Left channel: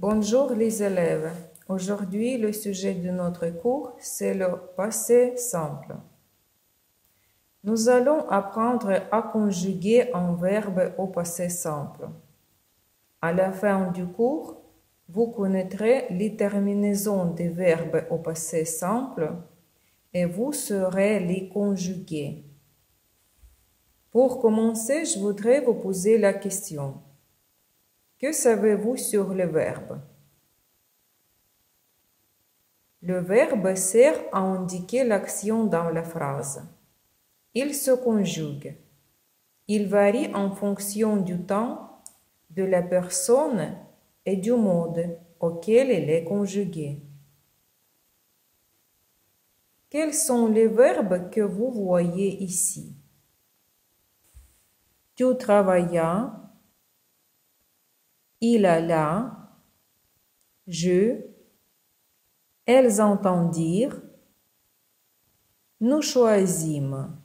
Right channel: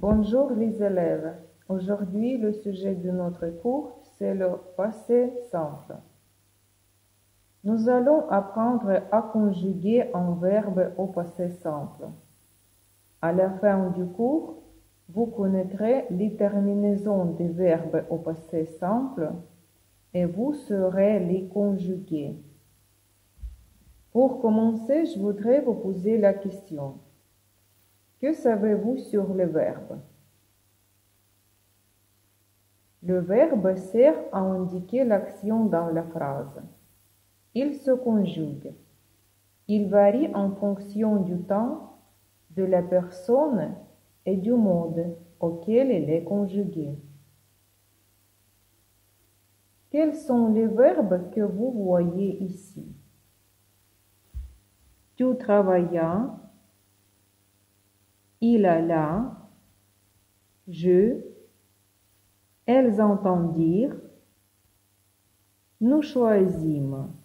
Bonjour les élèves. Aujourd'hui, le sujet de notre cours, c'est le passé simple. Nous allons apprendre à conjuguer un verbe au passé simple. À la fin du cours, vous connaîtrez les terminaisons des verbes au passé simple et vous saurez les conjuguer. Pour commencer, je voudrais vous poser la question. Que savez-vous sur le verbe? Le verbe sert à indiquer l'action dans la phrase. Il se conjugue. Il varie en fonction du temps, de la personne et du mode auquel il est conjugué. Quels sont les verbes que vous voyez ici? Tu travaillas, il alla, je, elles entendirent, nous choisîmes.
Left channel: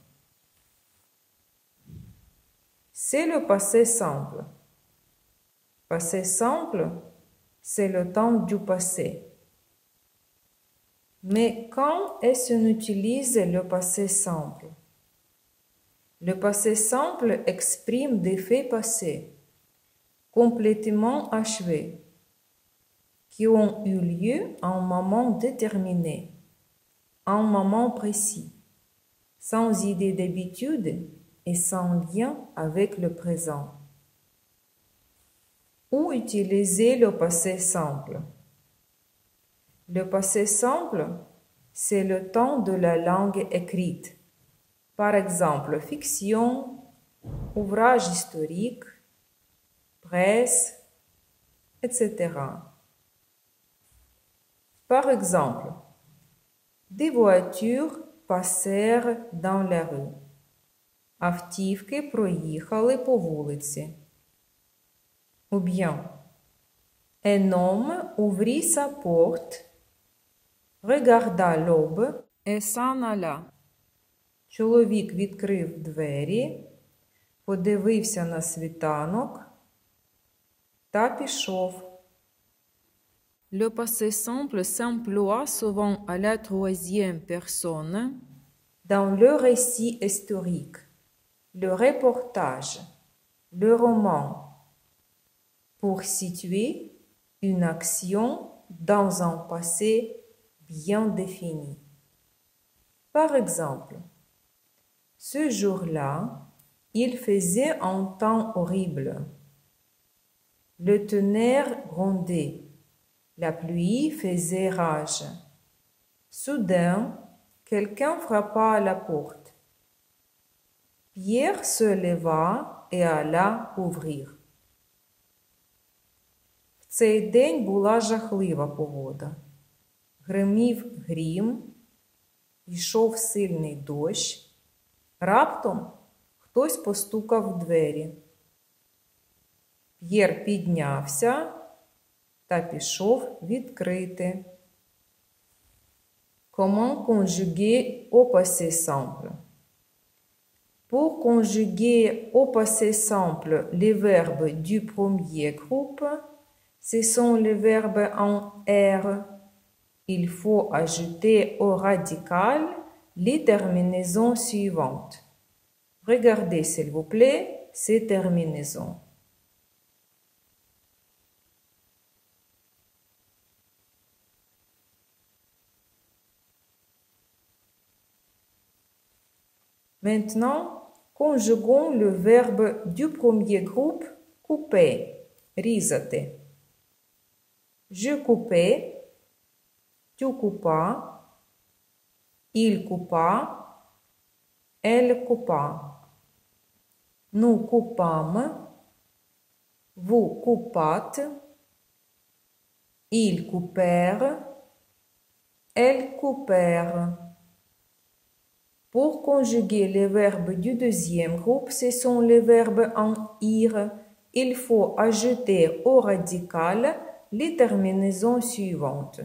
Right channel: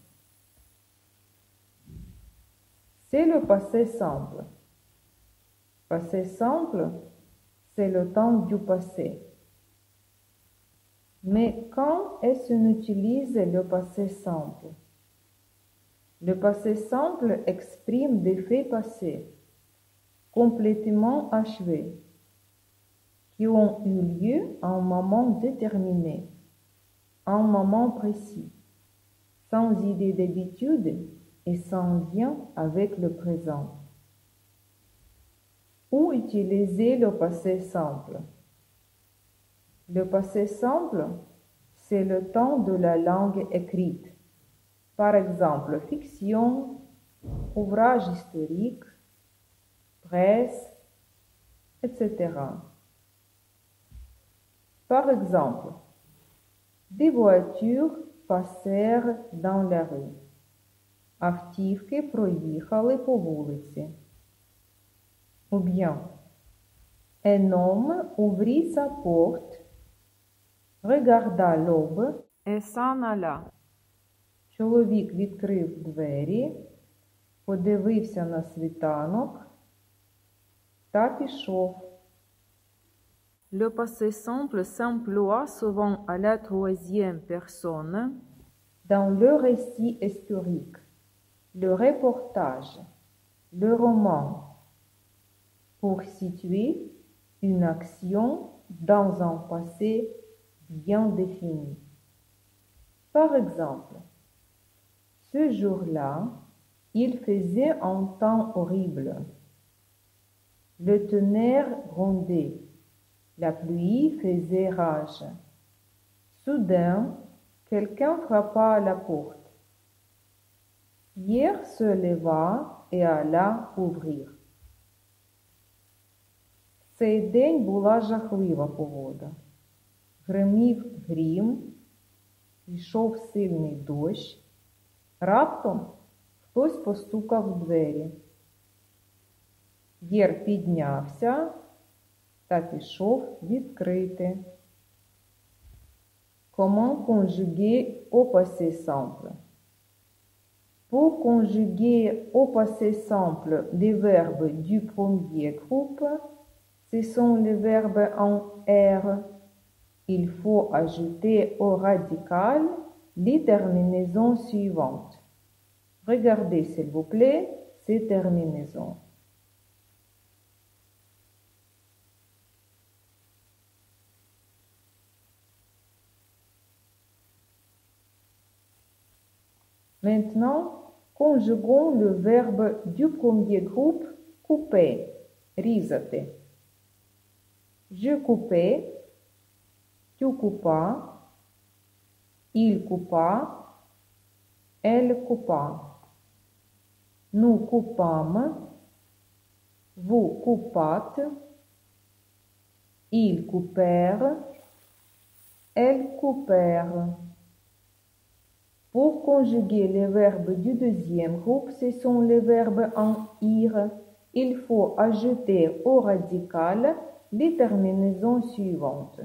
C'est le passé simple. Passé simple, c'est le temps du passé. Mais quand est-ce qu'on utilise le passé simple? Le passé simple exprime des faits passés, complètement achevés, qui ont eu lieu à un moment déterminé, à un moment précis, sans idée d'habitude et sans lien avec le présent. Où utiliser le passé simple? Le passé simple, c'est le temps de la langue écrite. Par exemple, fiction, ouvrage historique, presse, etc. Par exemple, des voitures passèrent dans la rue. Автівки проїхали по вулиці. Ou bien, un homme ouvrit sa porte, regarda l'aube et s'en alla. Чоловік відкрив двері, подивився на світанок та пішов. Le passé simple s'emploie souvent à la troisième personne dans le récit historique, le reportage, le roman, pour situer une action dans un passé bien défini. Par exemple, ce jour-là, il faisait un temps horrible. Le tonnerre grondait. La pluie faisait rage. Soudain, quelqu'un frappa à la porte. Pierre se leva et alla ouvrir. В цей день була жахлива погода. Гримів грім, йшов сильний дощ. Раптом хтось постукав в двері. П'єр піднявся та пішов відкрити. Comment conjuguer au passé simple? Pour conjuguer au passé simple les verbes du premier groupe, ce sont les verbes en R. Il faut ajouter au radical les terminaisons suivantes. Regardez s'il vous plaît ces terminaisons. Maintenant, conjuguons le verbe du premier groupe couper, різати. Je coupais, tu coupas, il coupa, elle coupa. Nous coupâmes, vous coupâtes, ils coupèrent, elles coupèrent. Pour conjuguer les verbes du deuxième groupe, ce sont les verbes en ir. Il faut ajouter au radical les terminaisons suivantes.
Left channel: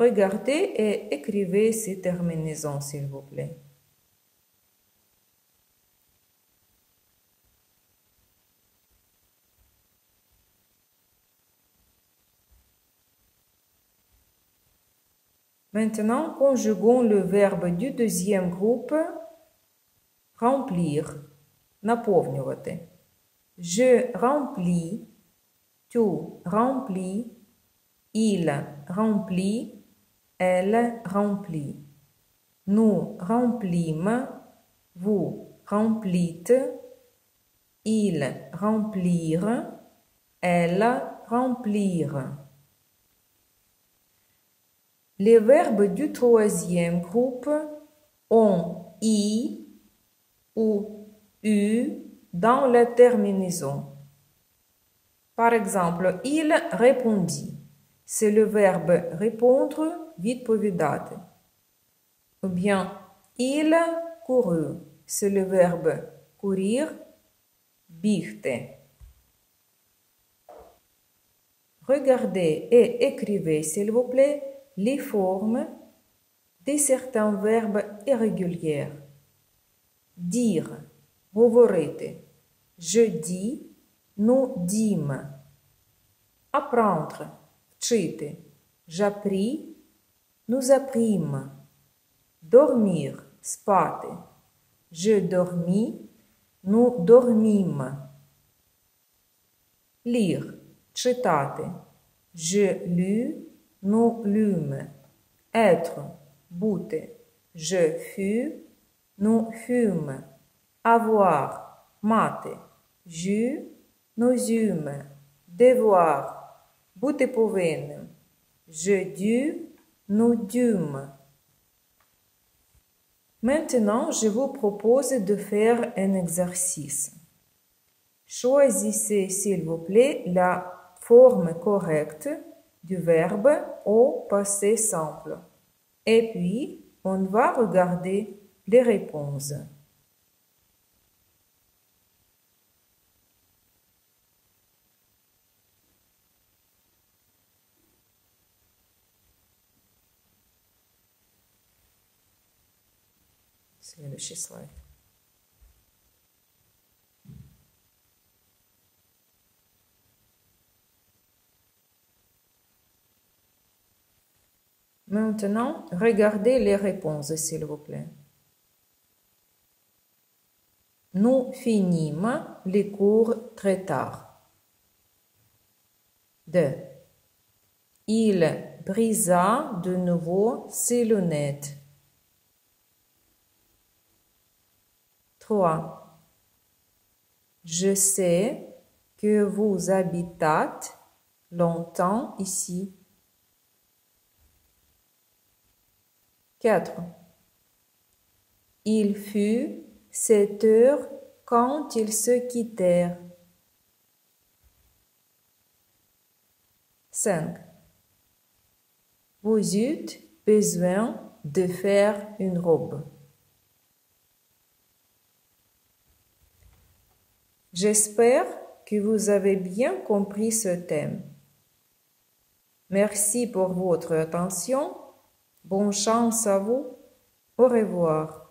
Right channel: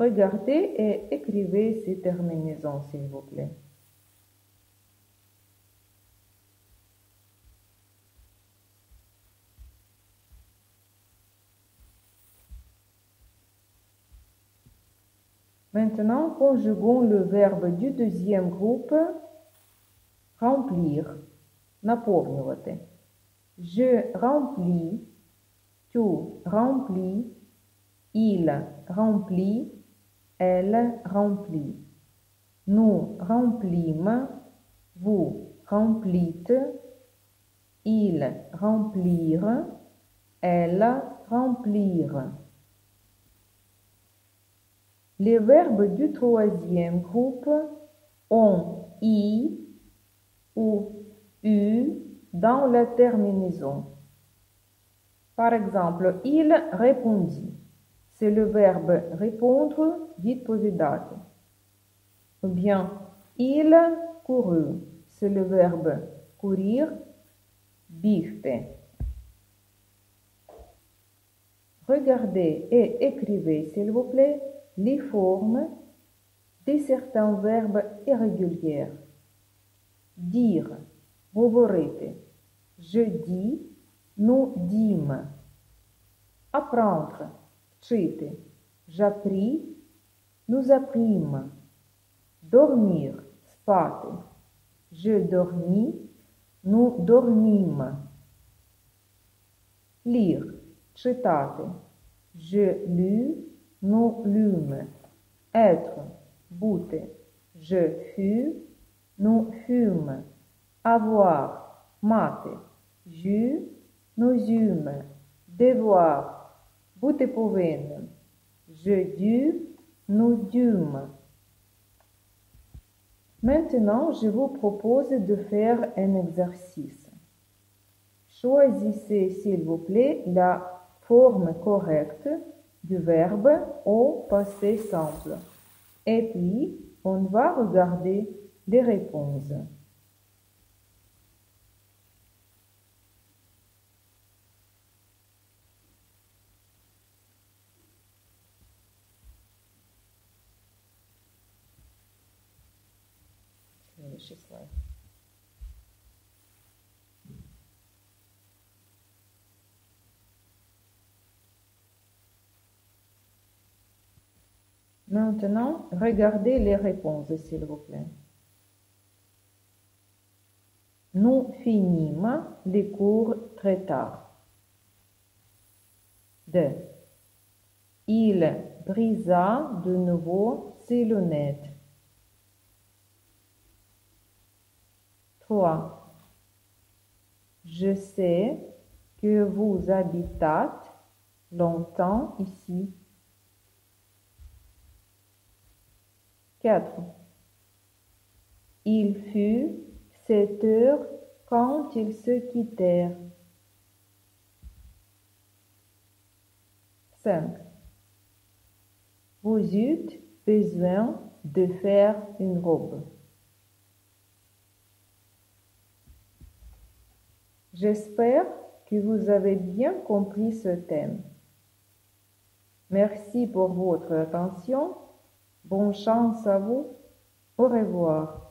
Regardez et écrivez ces terminaisons, s'il vous plaît. Maintenant, conjuguons le verbe du deuxième groupe remplir. Наповнювати. Je remplis, tu remplis, il remplit, elle remplit. Nous remplîmes, vous remplîtes, ils remplirent, elles remplirent. Les verbes du troisième groupe ont i ou u dans la terminaison. Par exemple, il répondit. C'est le verbe répondre, відповідати. Ou bien, il courut. C'est le verbe courir, бігти. Regardez et écrivez, s'il vous plaît, les formes de certains verbes irréguliers. Dire, говорити. Je dis, nous dîmes. Apprendre, вчити. J'appris, nous apprîmes. Dormir, спати. Je dormis, nous dormîmes. Lire, читати. Je lus, nous lûmes. Être, бути. Je fus, nous fûmes. Avoir, мати. J'eus, nous eûmes. Devoir, бути повинним. Je dus, nous dûmes. Maintenant, je vous propose de faire un exercice. Choisissez, s'il vous plaît, la forme correcte du verbe au passé simple. Et puis, on va regarder les réponses. Следующий слайд. Maintenant, regardez les réponses, s'il vous plaît. Nous finîmes les cours très tard. 2. Il brisa de nouveau ses lunettes. 3. Je sais que vous habitâtes longtemps ici. 4. Il fut 7 heures quand ils se quittèrent. 5. Vous eûtes besoin de faire une robe. J'espère que vous avez bien compris ce thème. Merci pour votre attention. Bonne chance à vous. Au revoir.